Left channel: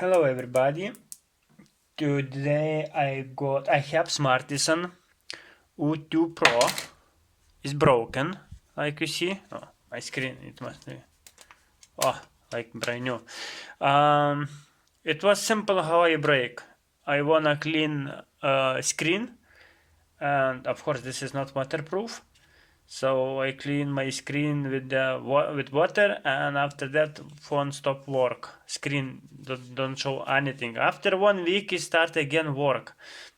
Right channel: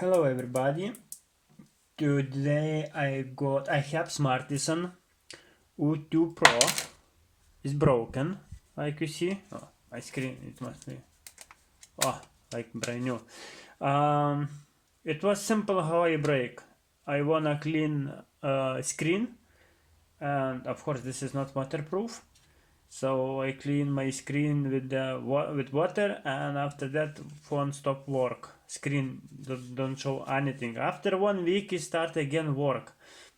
Hello everybody. Today I have Smartisan U2 Pro. Is broken, like you see. Oh, my screen, it must be. Oh, like brand new. It was simple how I break. I wanna clean screen, and of course this is not waterproof. So I clean my screen with water, and after that phone stop work. Screen don't show anything. After 1 week it start again work,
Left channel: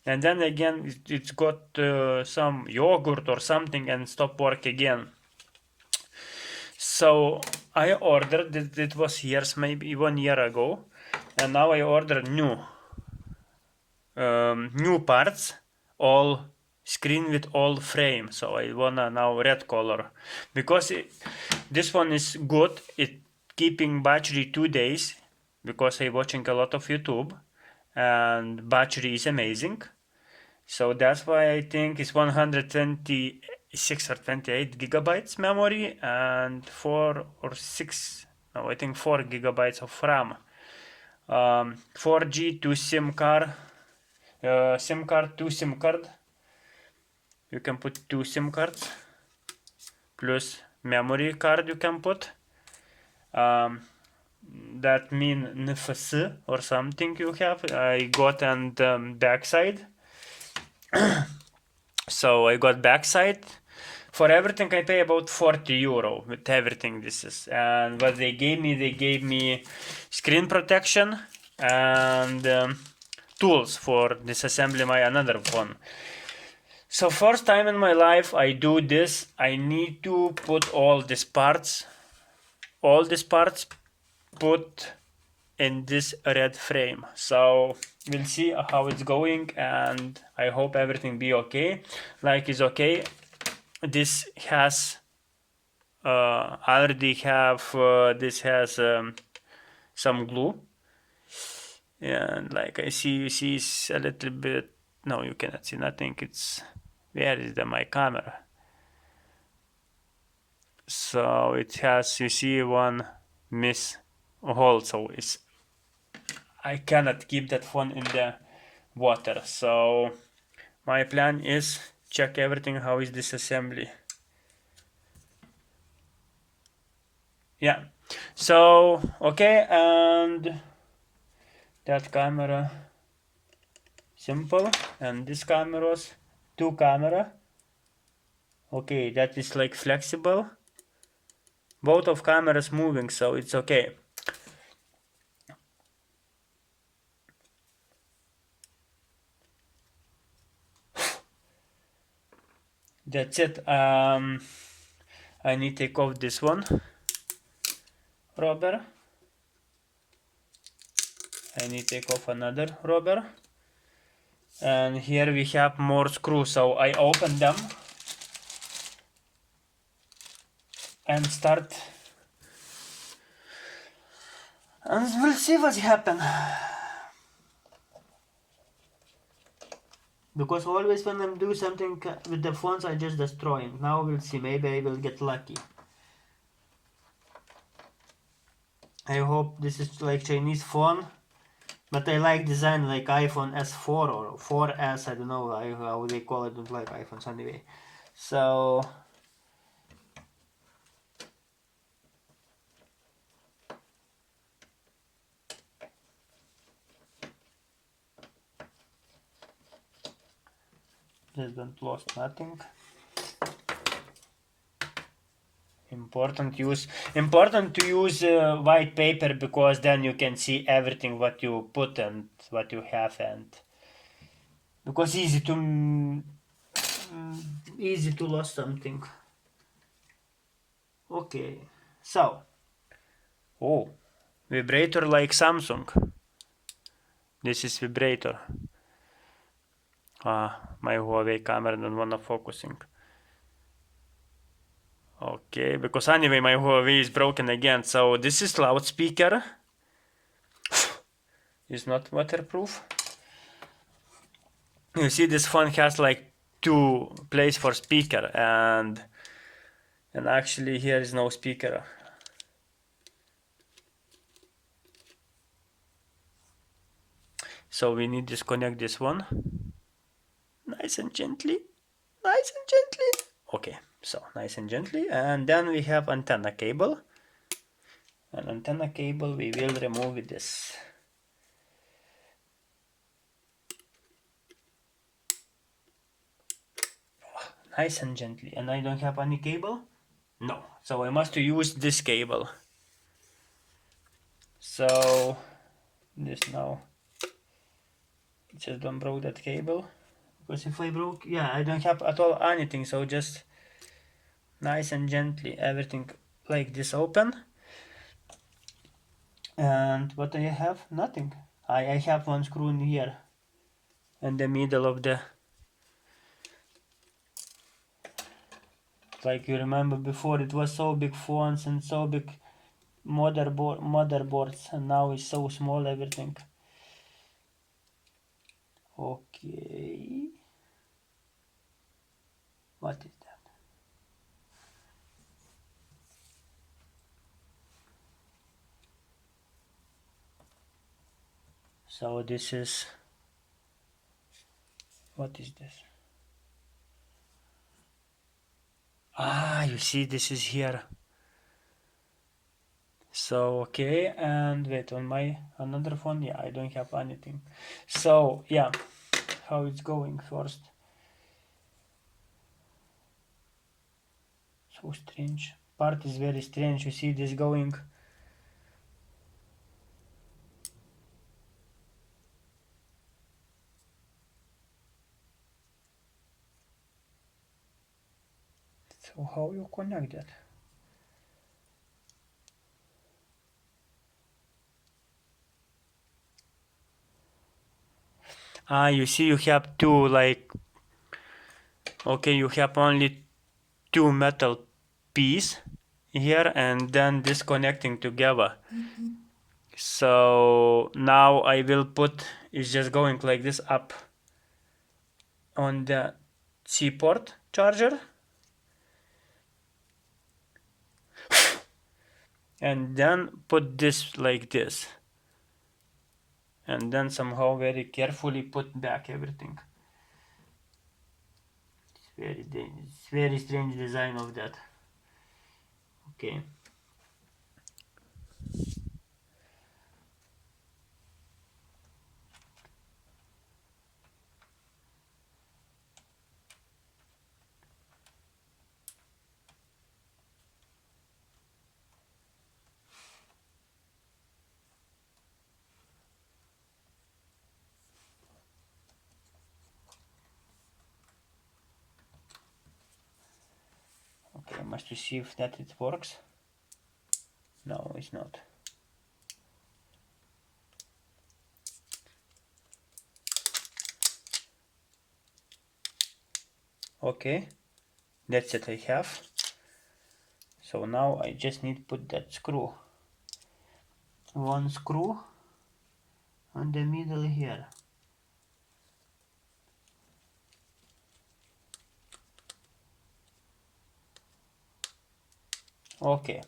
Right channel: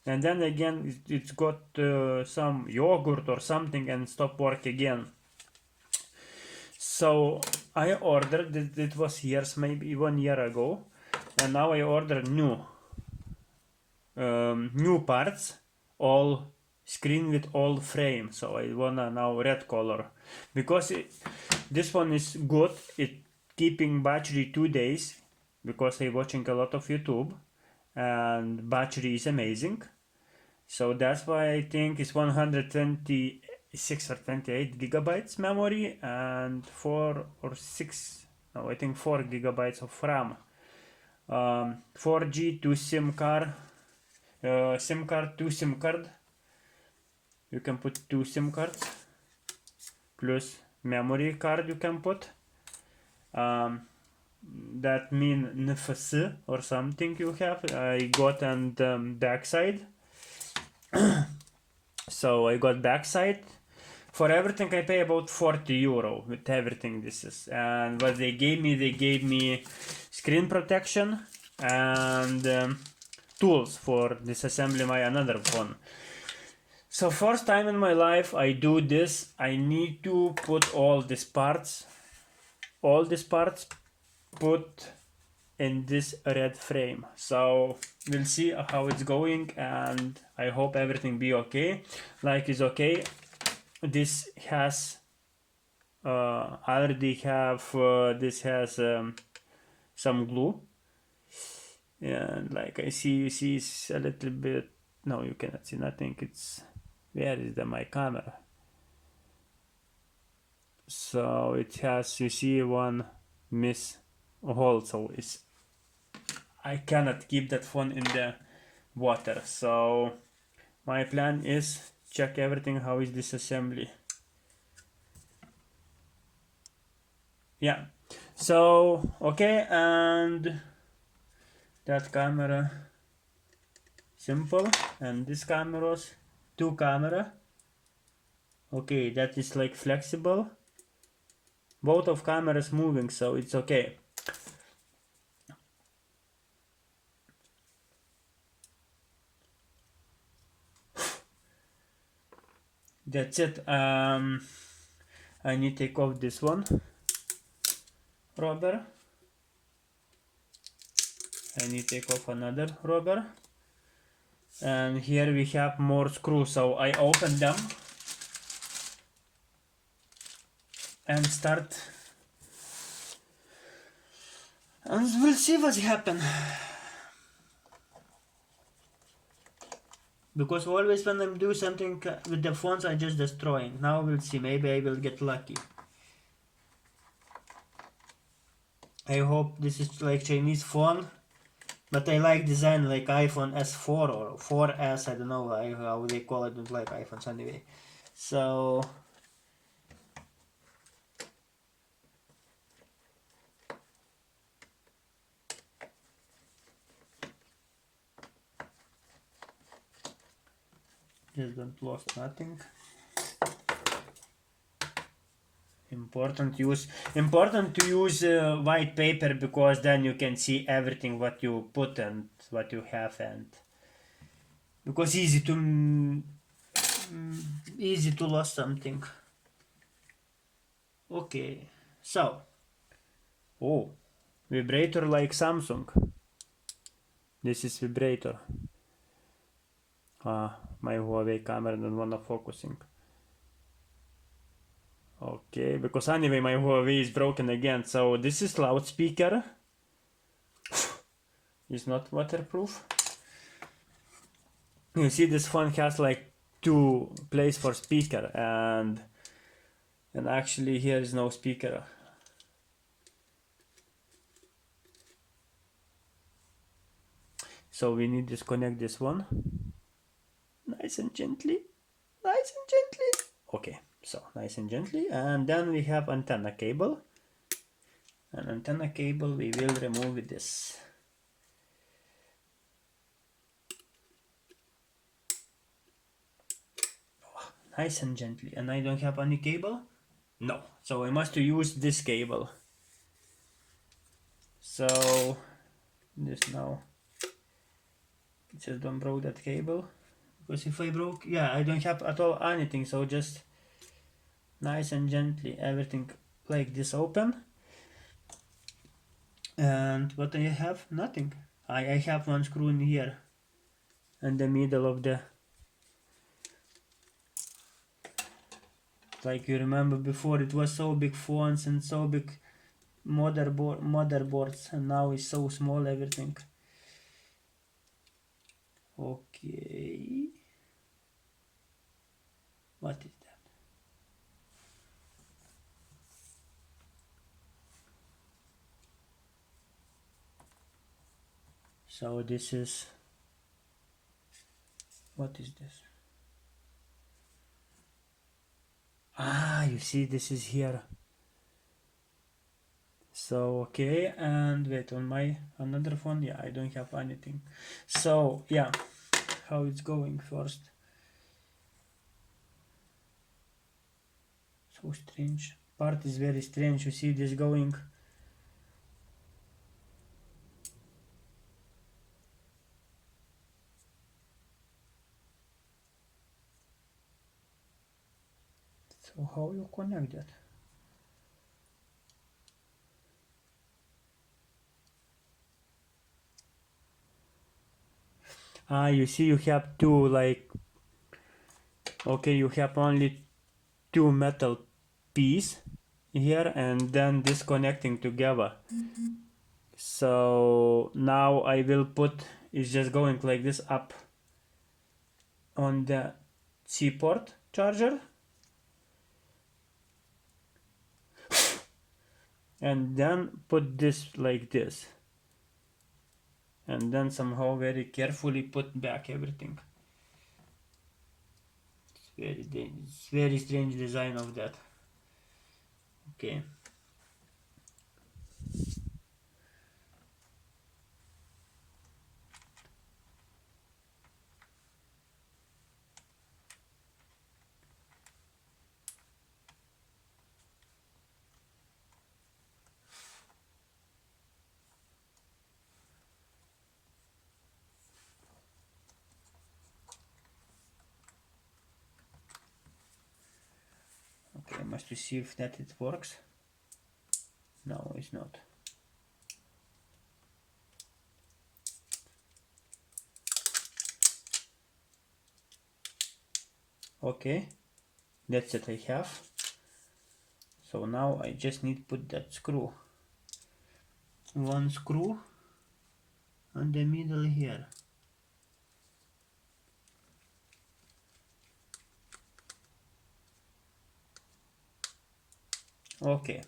and then again it's got some yogurt or something and stop work again. So I ordered it was years, maybe 1 year ago, and now I ordered new parts, all screen with all frame. So I wanna now red color because this one is good. It keeping battery 2 days because I watching a lot of YouTube and battery is amazing. So that's why I think it's 126 or 28 gigabytes memory and 4 or 6, no, I think 4 gigabytes of RAM. 4G, 2 SIM card, two SIM card. You can put 2 SIM cards plus memory card you can put. That mean NFC or something you have. I got on the backside. So I got backside. For everything I pay about 40 euro with everything this is. And what they gave me screen protection and tools for disassembly my another phone. So first time in my life I do this. I need to put all these parts put in this red frame. So we'll see how it's going, and I hope everything be okay. Like it's okay. This has already have this has some glue, and like you see it's a little bit. No, you cannot see nothing. It's where is my camera? So it has, you see, one miss hole. So it's I cannot keep that phone in the water. So my plan is check everything. How is this assembly? Yeah. So okay, and that camera simple, and this cameras, two camera. Okay, that is like flexible. Both of cameras moving, so it's okay. That's it. I need to take off this one rubber. I need to take off another rubber. And here we have more screws, so I open them and start, and we'll see what happens. Because always when I'm doing something with the phones I just destroying. Now we'll see, maybe I will get lucky. I hope this is like Chinese phone, but I like design like iPhone S4 or 4S, I don't know how they call it, don't like iPhones anyway. So just don't lost nothing. Important to use white paper, because then you can see everything what you put and what you have, and because easy to lose something. Okay, so vibrator like Samsung. This is vibrator. My Huawei camera don't wanna focusing. Okay, because anyway my Huawei is broken again. So this is loudspeaker. It's not waterproof. You see this phone has like 2 places for speaker, and actually here is no speaker. So we need to disconnect this one. Nice and gently. Nice and gently. Okay, so nice and gently. And then we have antenna cable. An antenna cable we will remove this. Nice and gently. And I don't have any cable? No. So I must use this cable. So this now. Just don't broke that cable. Because if I broke, yeah, I don't have at all anything. So just nice and gently everything like this open. And what I have? Nothing. I have one screw in here. In the middle of the, like you remember before it was so big phones and so big motherboards, and now it's so small everything. Okay, what is that? So this is, what is this? Ah, you see this is here. So okay, and wait, on my another phone, yeah, I don't have anything. So yeah, how it's going first. So strange. Part is very strange. You see this going. So how you connect that? Ah, you see you have two, like, okay, you have only two metal piece here and then disconnecting together. So now I will put, it's just going like this up on the C port charger. And then put this like this. And then somehow very carefully put back everything. It's very strange design of that. Okay. Okay, must see if that it works. No, it's not. Okay, that's it I have. So now I just need to put that screw. One screw on the middle here. Okay.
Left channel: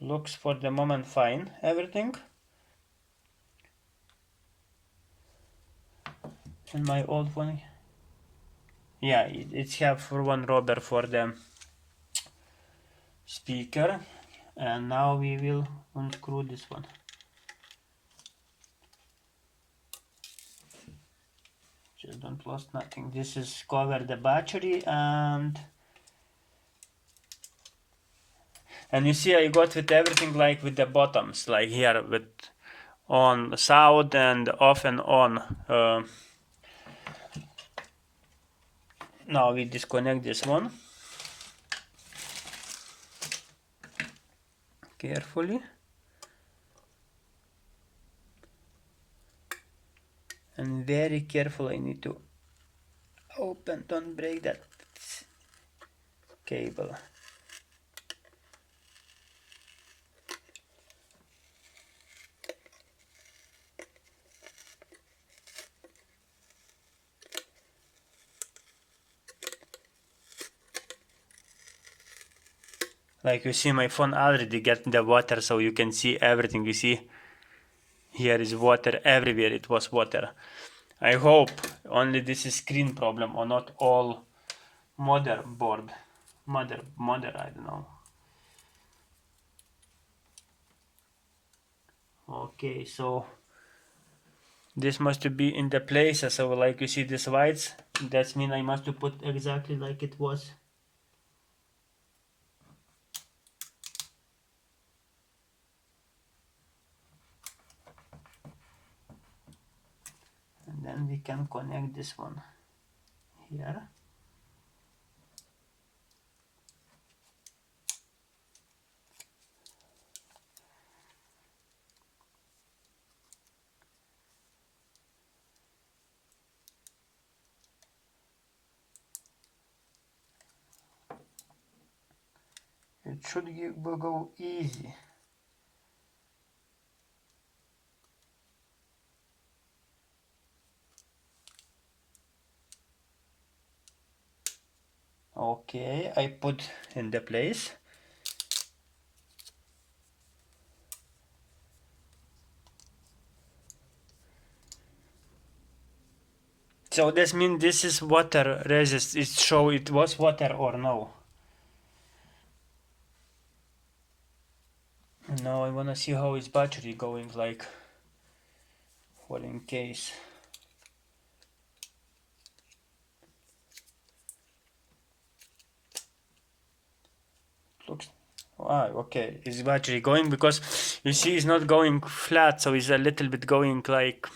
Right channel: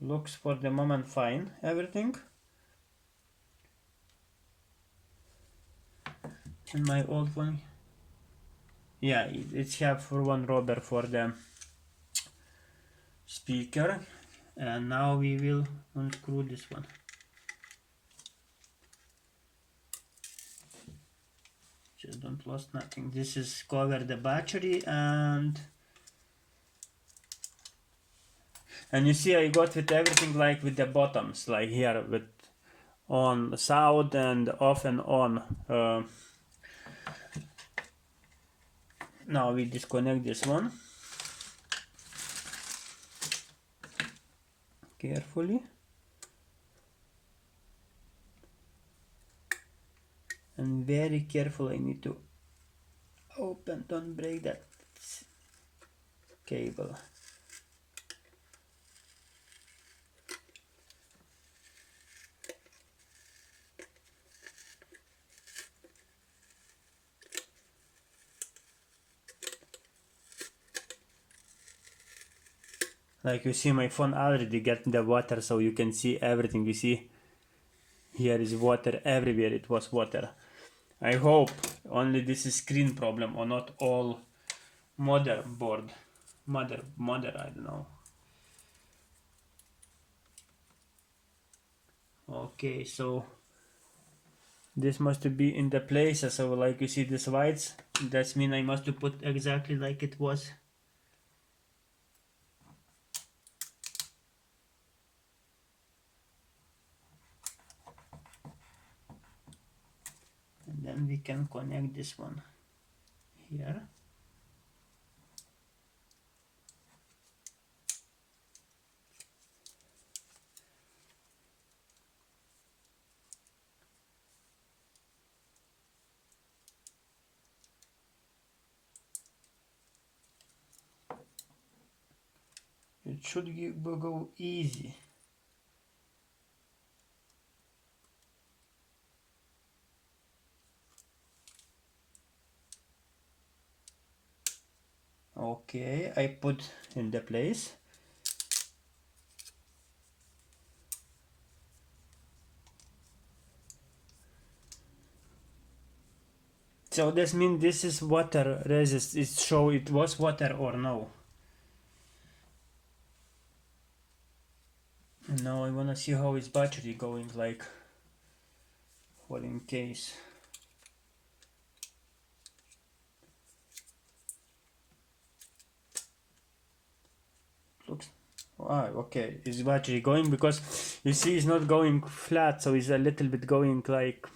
Looks for the moment fine, everything. And my old one, yeah, it's have for one rubber for the speaker. And now we will unscrew this one. Just don't lose nothing. This is cover the battery and you see I got with everything like with the bottoms, like here with on south and off and on. Now we disconnect this one carefully. And very careful, I need to open, don't break that cable. Like you see, my phone already get the water, so you can see everything. You see, here is water everywhere. It was water. I hope only this is screen problem or not all motherboard. Mother, I don't know. Okay, so this must be in the place. So like you see this lights, that means I must put exactly like it was. And then we can connect this one here. It should go easy. Okay, I put in the place. So this means this is water resist. It show it was water or no. Now I wanna see how is battery going, like for in case. Looks okay, is battery going, because you see it's not going flat, so it's a little bit going like,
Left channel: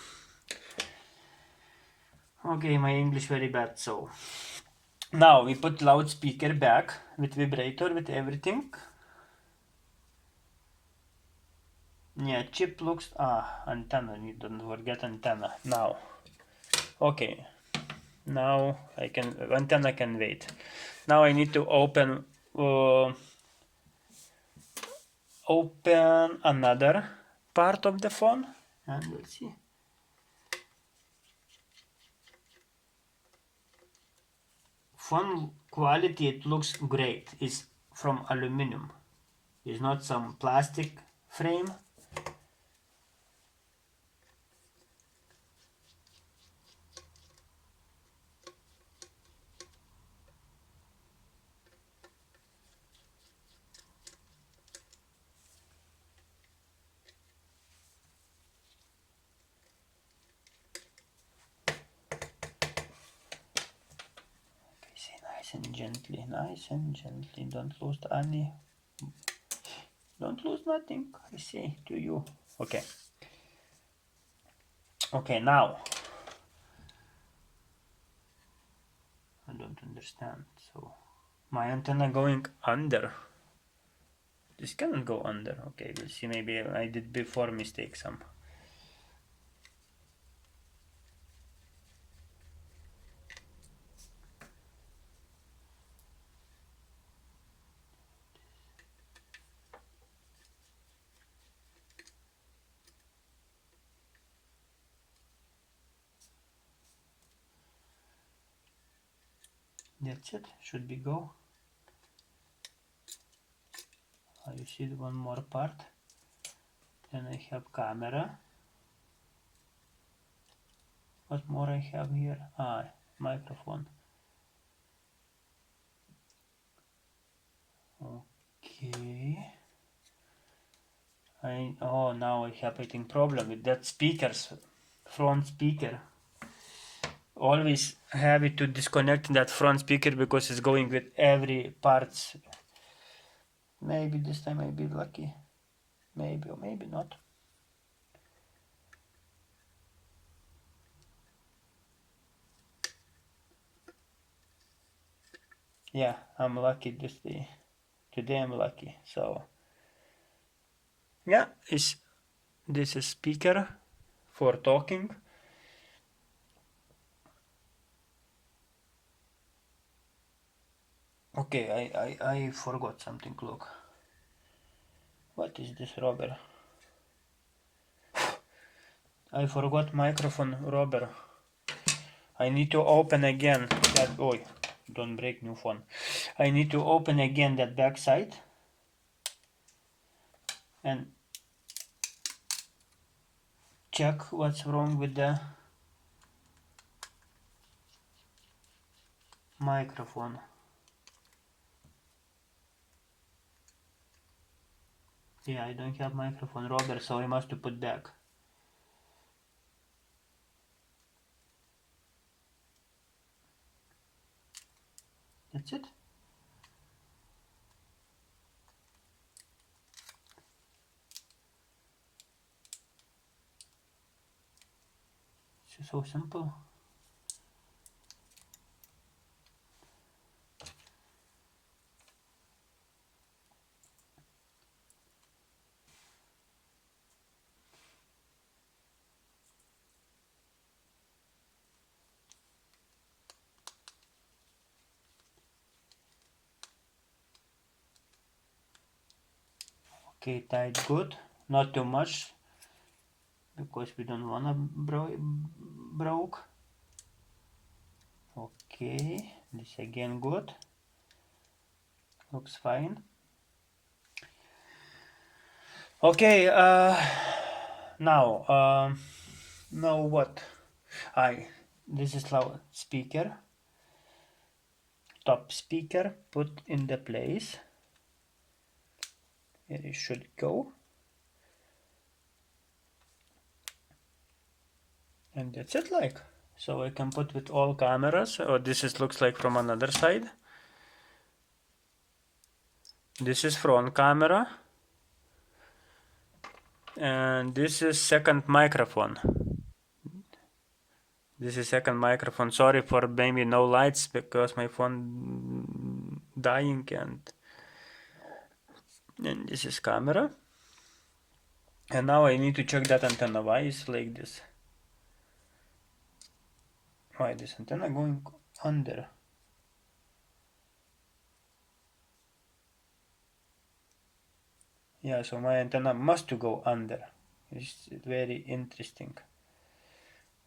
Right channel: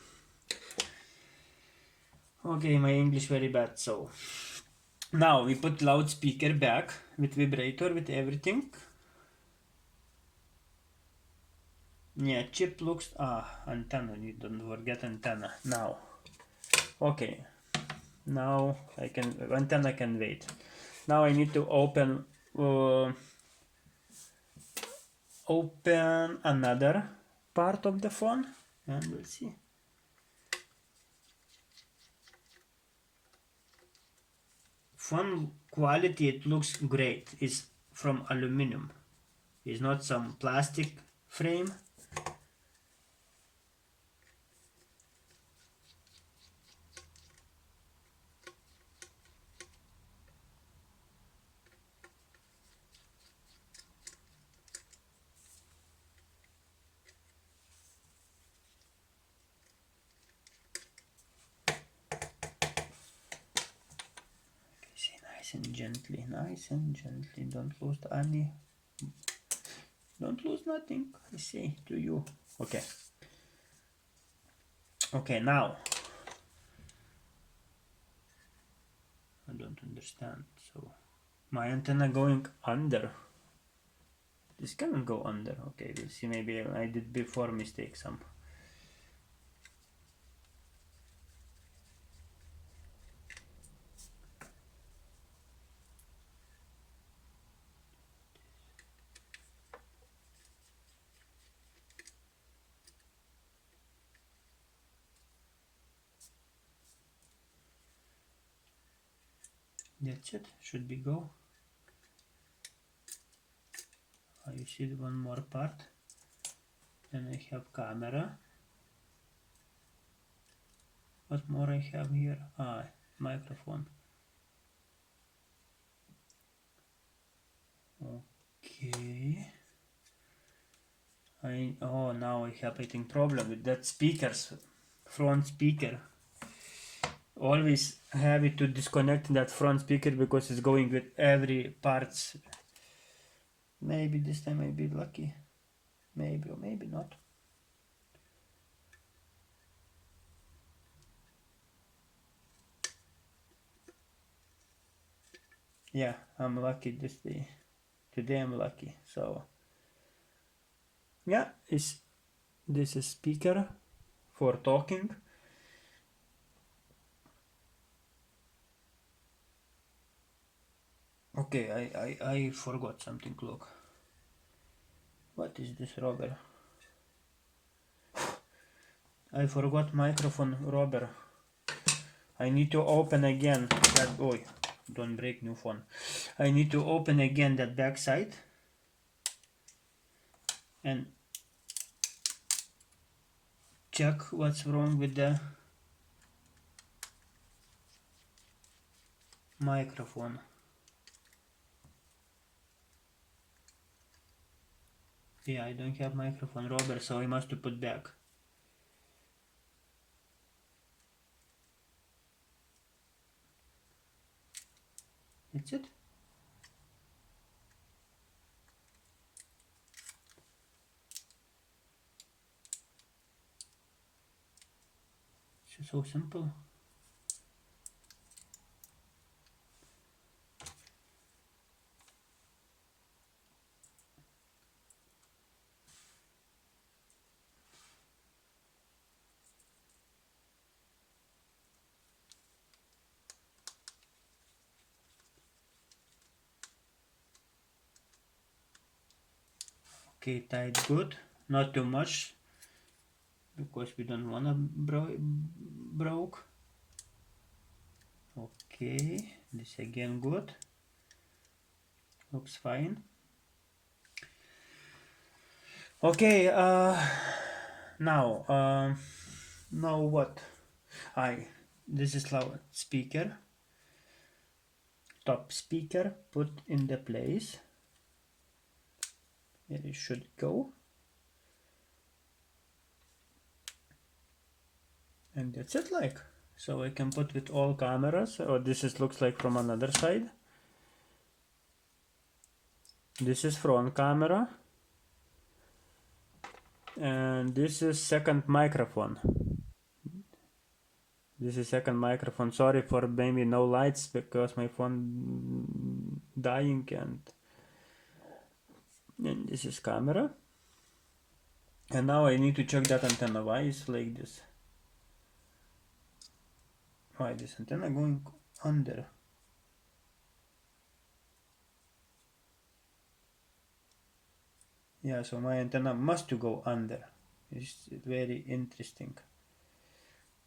okay, my English very bad. So now we put loudspeaker back with vibrator, with everything. Yeah, chip looks, antenna, you don't forget antenna. Now okay, now I can, antenna can wait. Now I need to open another part of the phone, and we'll see. Phone quality, it looks great. It's from aluminum. It's not some plastic frame. Nice and gently, don't lose any, don't lose nothing, I say to you. Okay, okay, now I don't understand. So my antenna going under, this cannot go under. Okay, we'll see, maybe I did before mistake some. That's it, should be go. You see one more part. Then I have camera. What more I have here? Microphone. Okay. Now I have I think problem with that speakers, front speaker. Always have it to disconnect that front speaker because it's going with every parts. Maybe this time I'll be lucky. Maybe or maybe not. Yeah, I'm lucky this day. Today I'm lucky. So yeah, this is speaker for talking. Okay, I forgot something. Look, what is this rubber? I forgot microphone rubber. I need to open again that. Oh, don't break new phone. I need to open again that back side and check what's wrong with the microphone. Yeah, I don't have microphone rubber, so I must put back. That's it. It's so simple. Okay, tied good. Not too much, because we don't wanna broke. Okay, this again good. Looks fine. Okay, now what? This is loudspeaker. Top speaker put in the place. Here it should go. And that's it, like. So I can put with all cameras, or looks like from another side. This is front camera. And this is second microphone. This is second microphone. Sorry for maybe no lights, because my phone dying, and this is camera. And now I need to check that antenna. Why is like this? Why this antenna going under? Yeah, so my antenna must to go under. It's very interesting.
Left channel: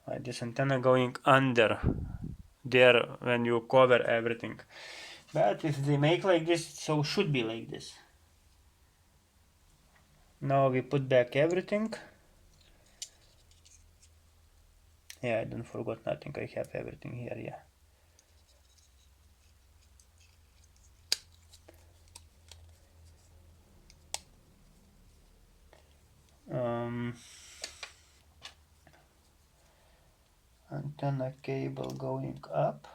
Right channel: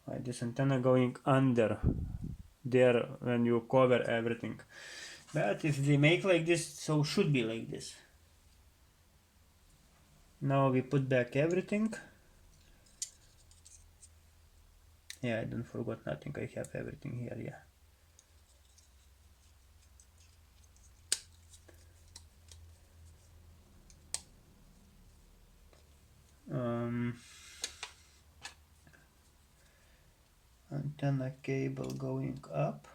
Why this antenna going under there when you cover everything? But if they make like this, so should be like this. Now we put back everything. Yeah, I don't forgot nothing. I have everything here. Yeah. Antenna cable going up.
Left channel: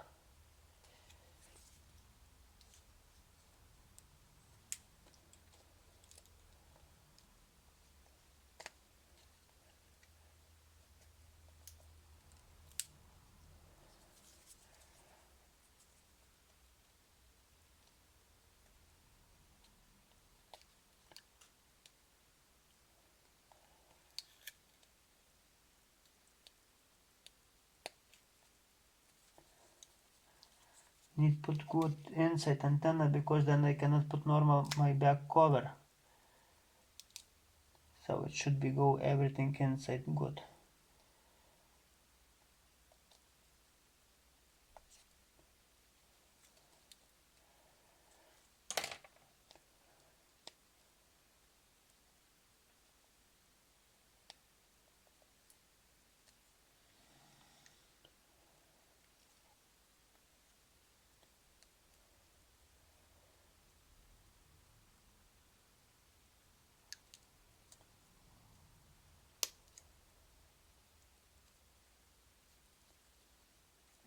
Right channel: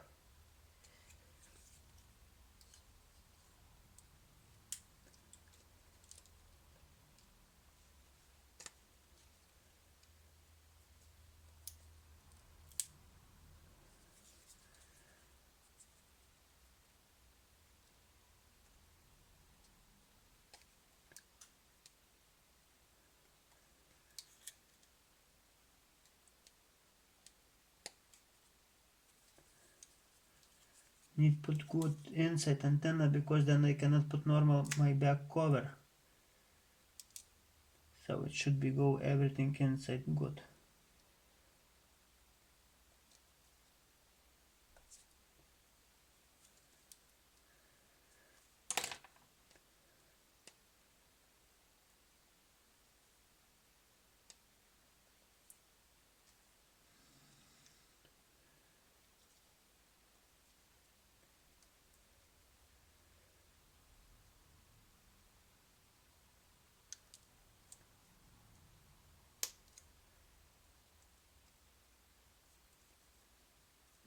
Need put good inside antenna, because then I cannot put normal my back cover. So it should be go everything inside good.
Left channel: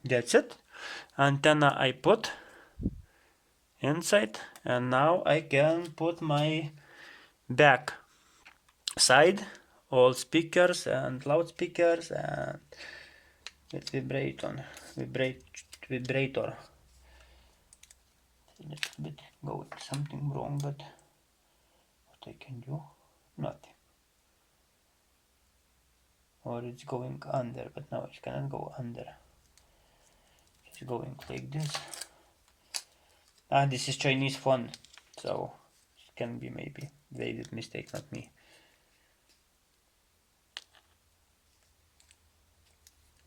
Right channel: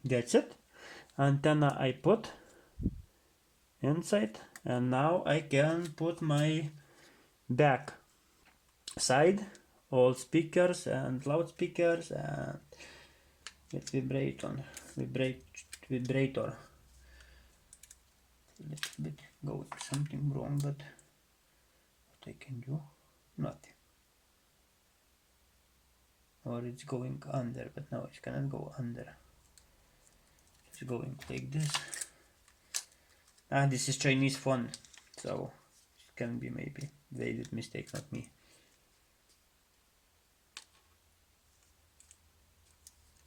That's it. Antenna I put inside, and now I can put my back side, all speakers and loudspeakers, and with vibrator. A little bit going something wrong, but what I can do? Nothing. Or it's going under, but now it cannot go under. It's going like this. This is Chinese phone, so it can be maybe they did mistake, not me.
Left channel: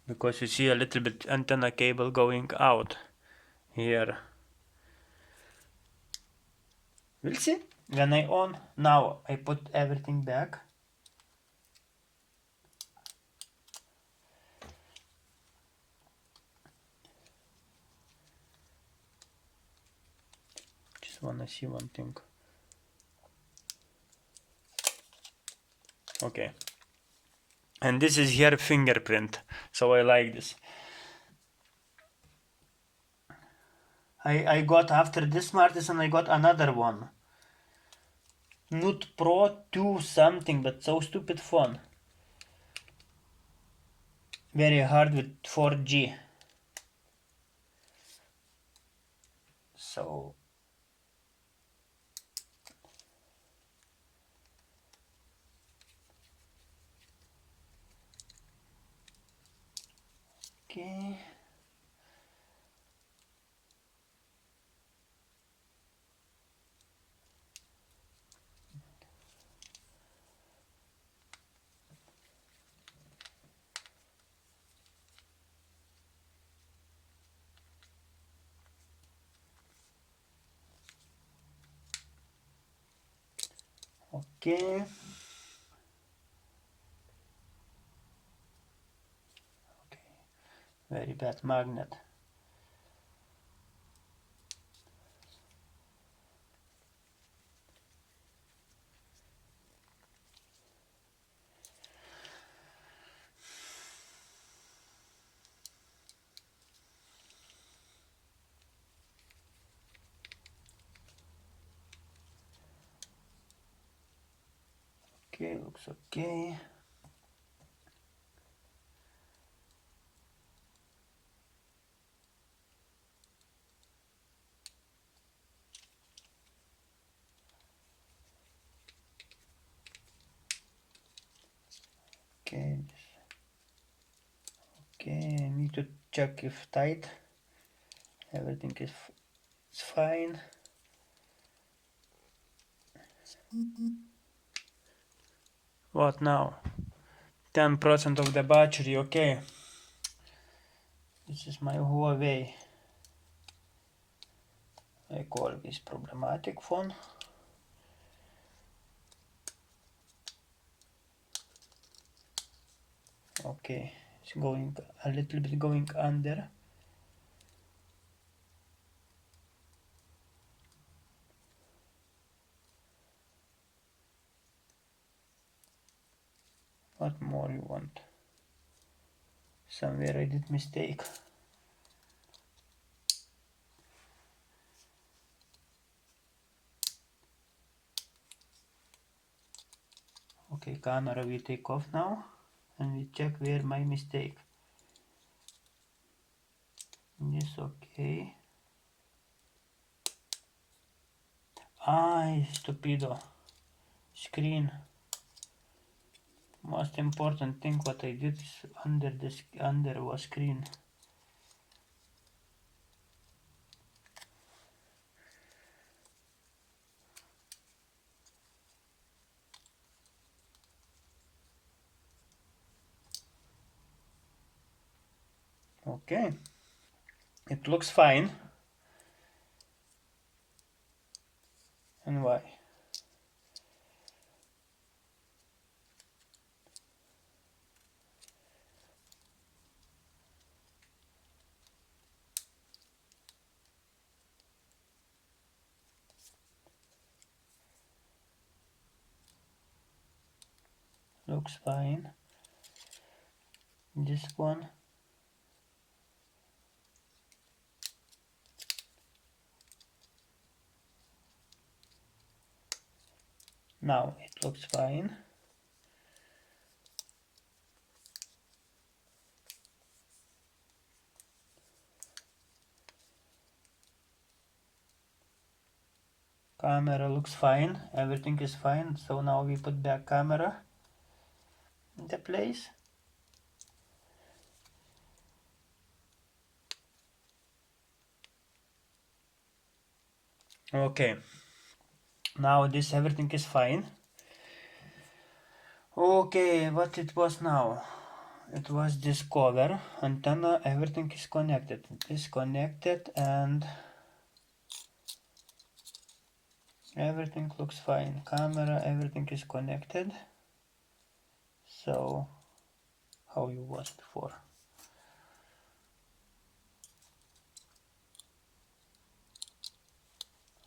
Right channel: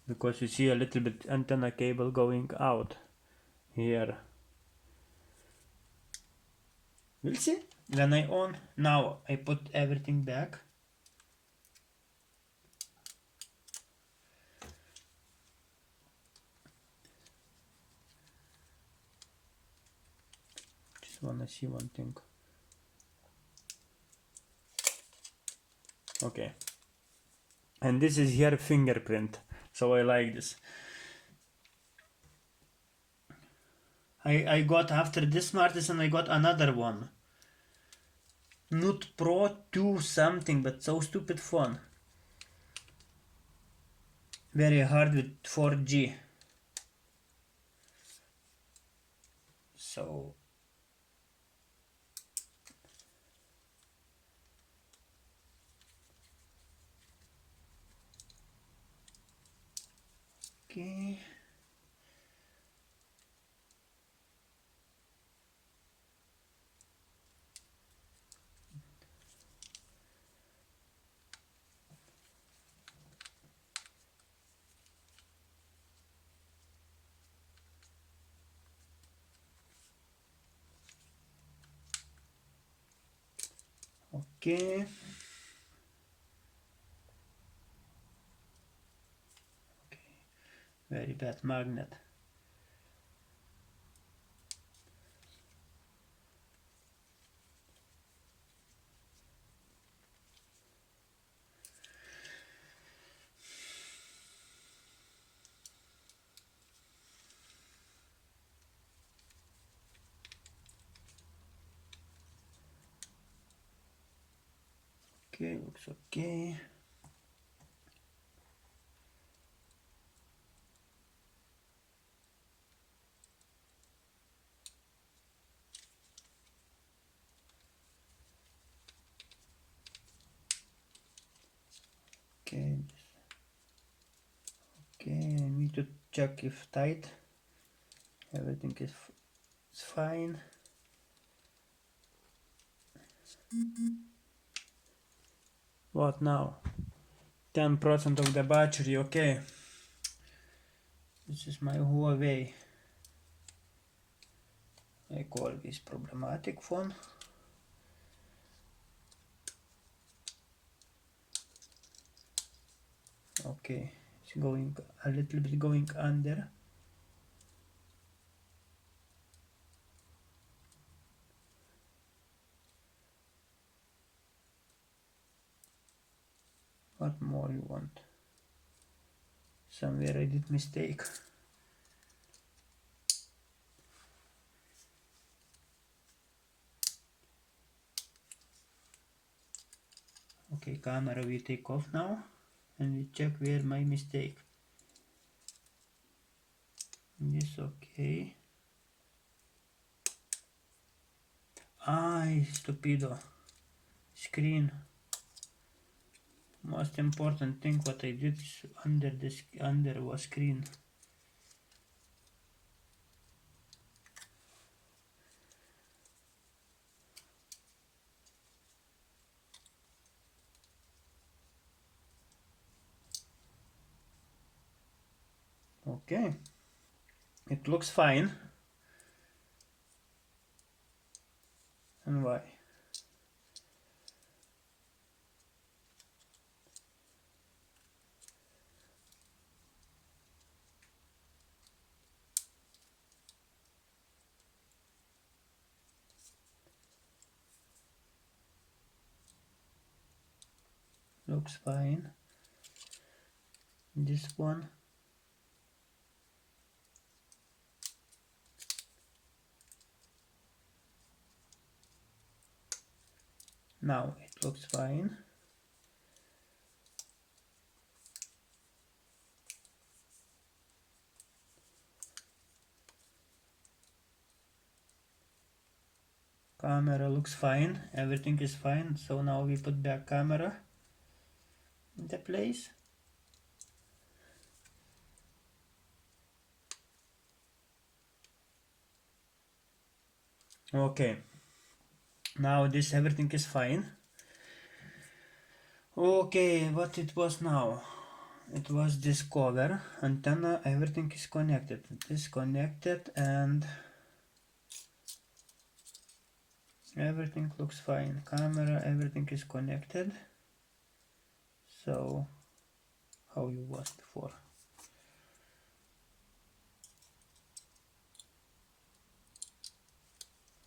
Because you see a little bit antenna cable going out here. We'll see. When I on, now I put everything back. Just wanna see one thing. Okay. And this is here fingerprint, so I like this. I got, after this Smartisan, I got another one. Nut Pro 2 something, but so stupid phone. Very hard with 4G. So okay. Okay. Very bad magnet. Okay, looks okay. Okay. Okay, I need to check if tight. Everything is fine. What now? 10% of the battery, okay. This is my Huawei. I call this problematic phone. Okay, it's going a little bit going under. What more you want? Somewhere I did mistake. Okay, camera we take off now and we check where my mistake. Yes, okay. Ay, stupido. Screen. Most important thing what I did is under was screen. Okay, it looks fine. And why? Looks fine. This one. Now it looks fine. Camera looks fine. Everything is fine. So now we put back camera in the place. Okay. Now this everything is fine. Okay, what it was now? It was this cover, antenna, everything is connected. Disconnected and Everything looks fine. Camera, everything is connected. So how you was before.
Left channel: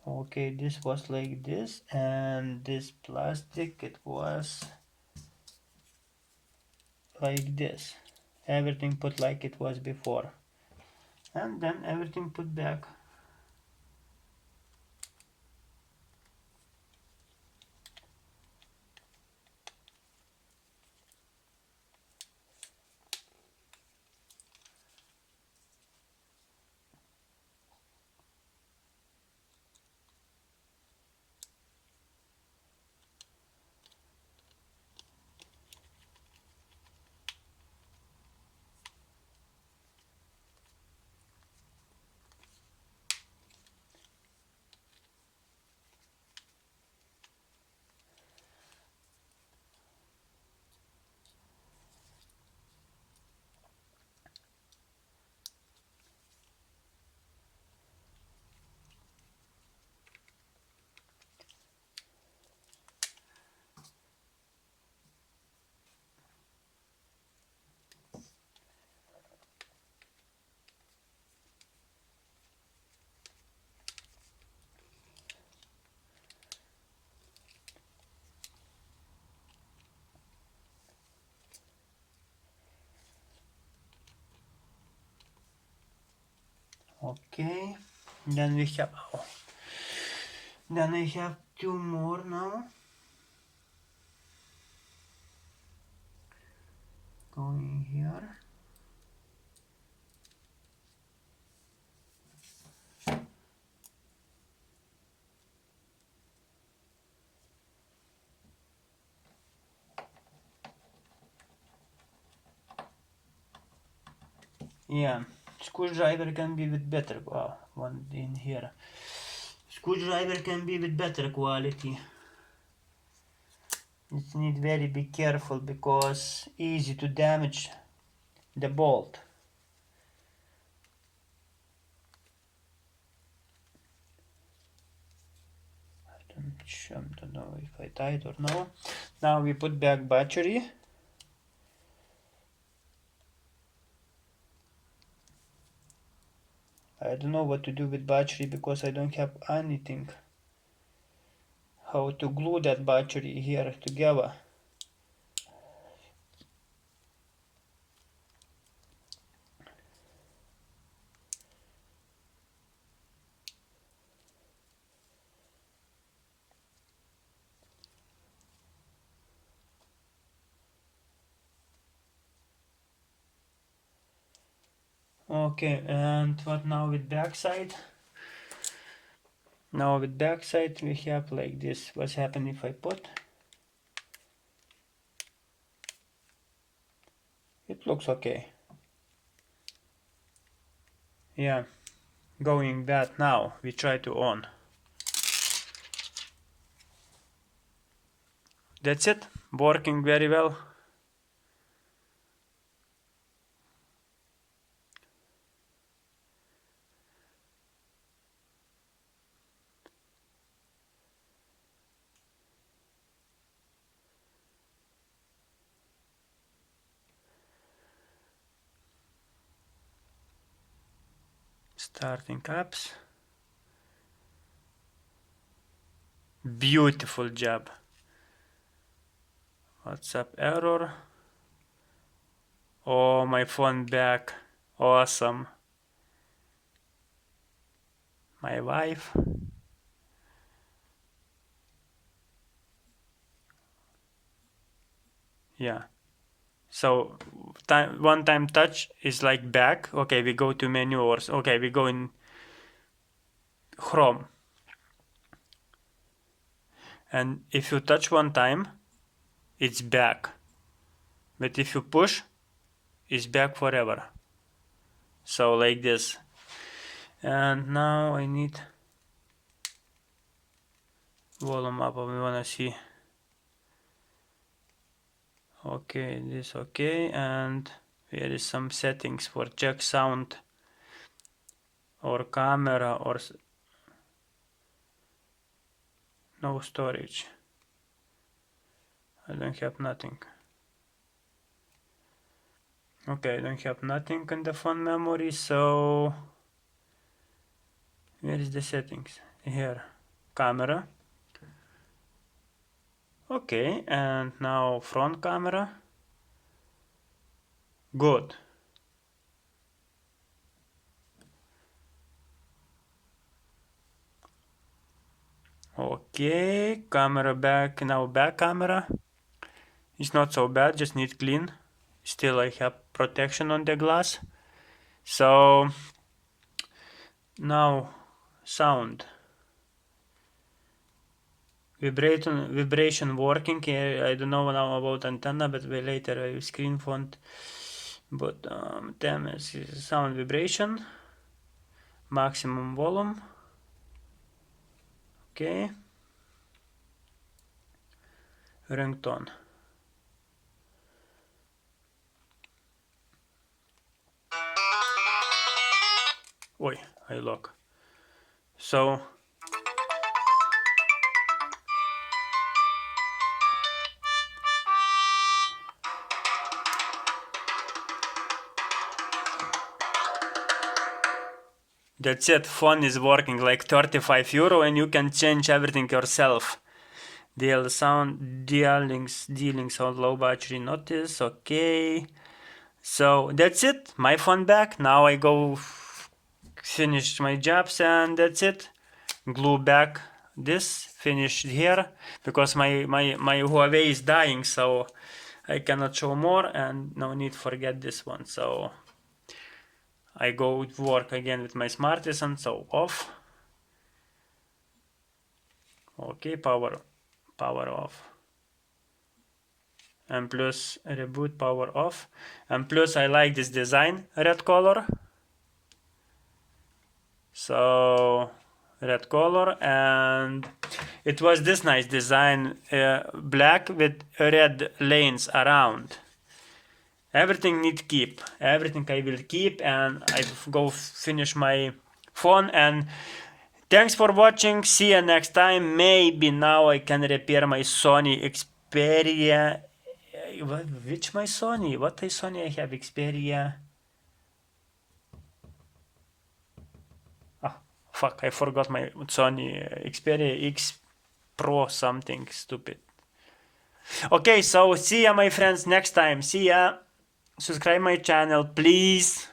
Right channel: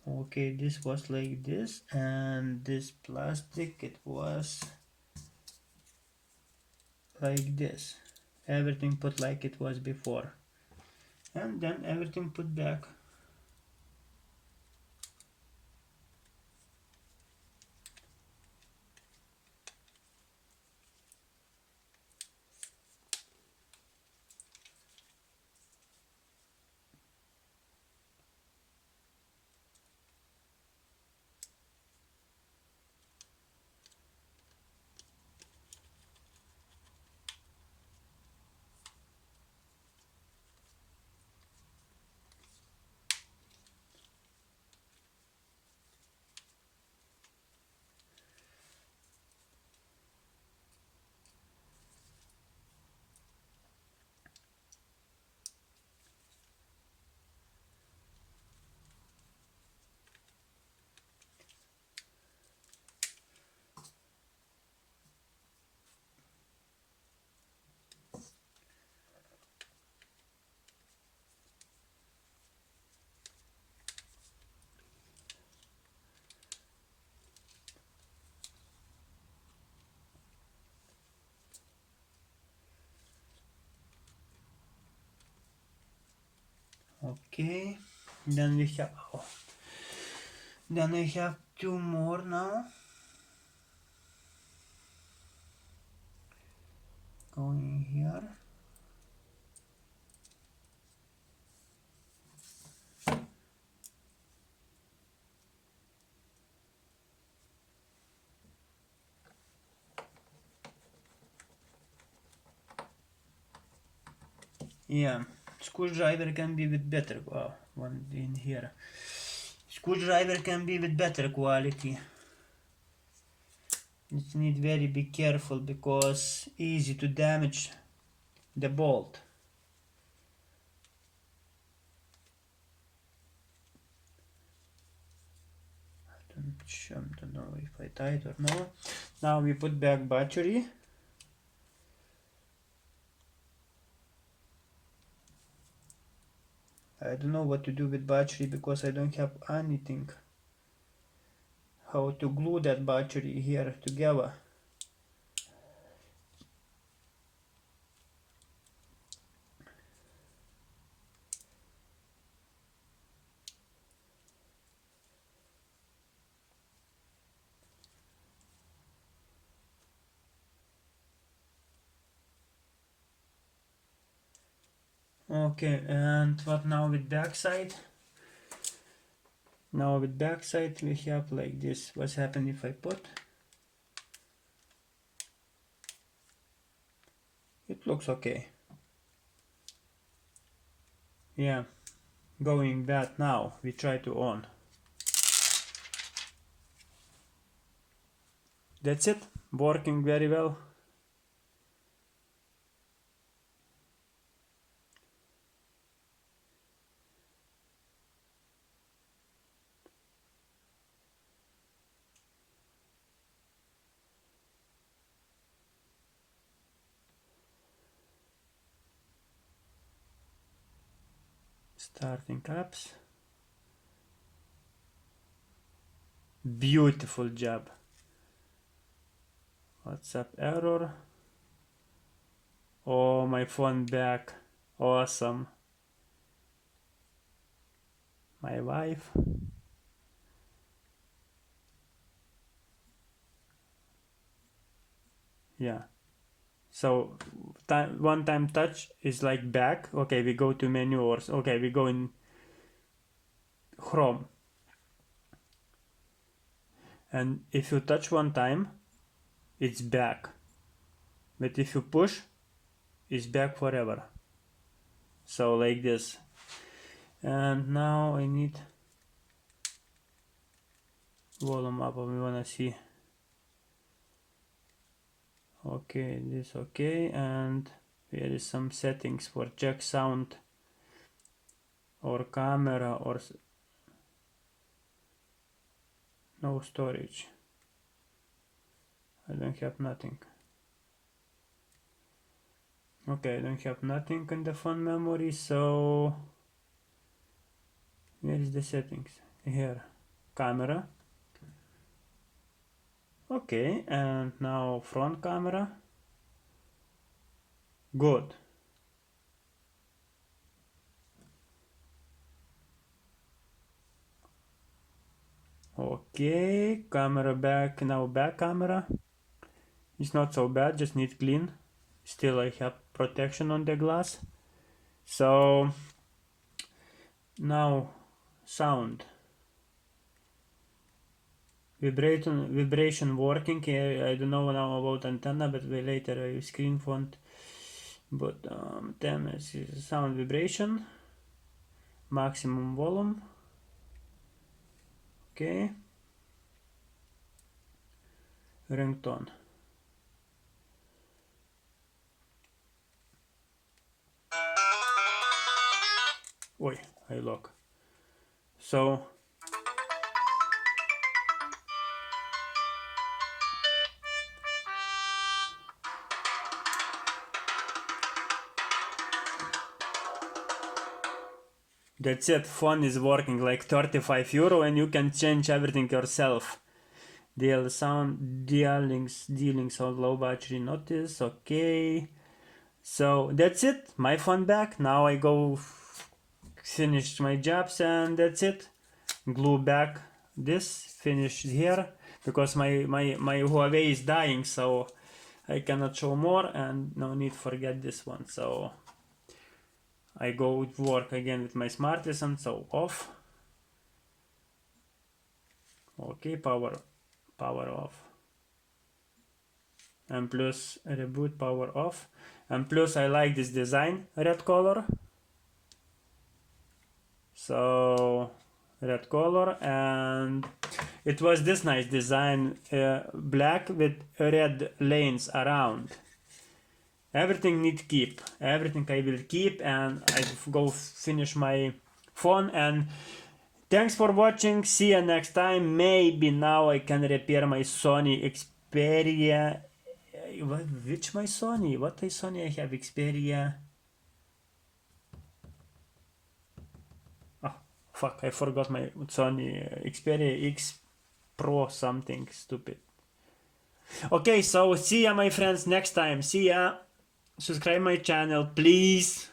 Okay, this was like this, and this plastic, it was like this. Everything put like it was before, and then everything put back. Okay, then we have then we have two more now. Going here. Yeah, screwdriver can be with better. Wow, one in here. Screwdriver can be with better quality. You need very be careful because easy to damage the bolt. I don't know if I tied or no. Now we put back battery. I don't know what to do with battery because I don't have anything. How to glue that battery here together. Okay, and what now with backside? Now with backside we have like this. What's happening if I put? It looks okay. Yeah, going bad now. We try to on. That's it. Working very well. Starting apps. Beautiful job. WhatsApp error. Oh, my phone back. Awesome. My wife. Yeah. So one time touch is like back. Okay, we go to menu or okay, we go in Chrome. And if you touch one time, it's back. But if you push, it's back forever. So like this. And now I need volume up. We wanna see. Okay, this okay, and here is some settings for check sound or camera or No storage. I don't have nothing. Okay, I don't have nothing in the phone memory, so where is the settings? Here, camera. Okay, and now front camera. Good. Okay, camera back, now back camera. It's not so bad, just need clean. Still I have protection on the glass. So now sound. Vibration working. I don't know now about antenna, but later I will screen font. But TMS is sound vibration. Maximum volume. Okay. Ringtone. Oi, I lock. So that's it. Phone is working like 35 euro, and you can change everything yourself. DL sound, D-Links on low battery notice. Okay. So that's it. My phone back. Now I go finish my jobs, and that's it. Glue back this, finished here, because my Huawei is dying, so I cannot show more, and no need forget this one. So I go work again with my Smartisan, so off. Okay, power off. And plus reboot, power off. And plus I like this design, red color. So red color, and it was this nice design, black with red lanes around. Everything need keep. Everything I will keep, and I go finish my phone. And thanks for watching. See you next time. Maybe now I can repair my Sony Xperia. Which my Sony? What is Sony I have? Xperia. Fuck, I forgot my Sony Xperia X Pro something stupid. Okay, so see ya my friends next time. See ya. Subscribe my channel, please.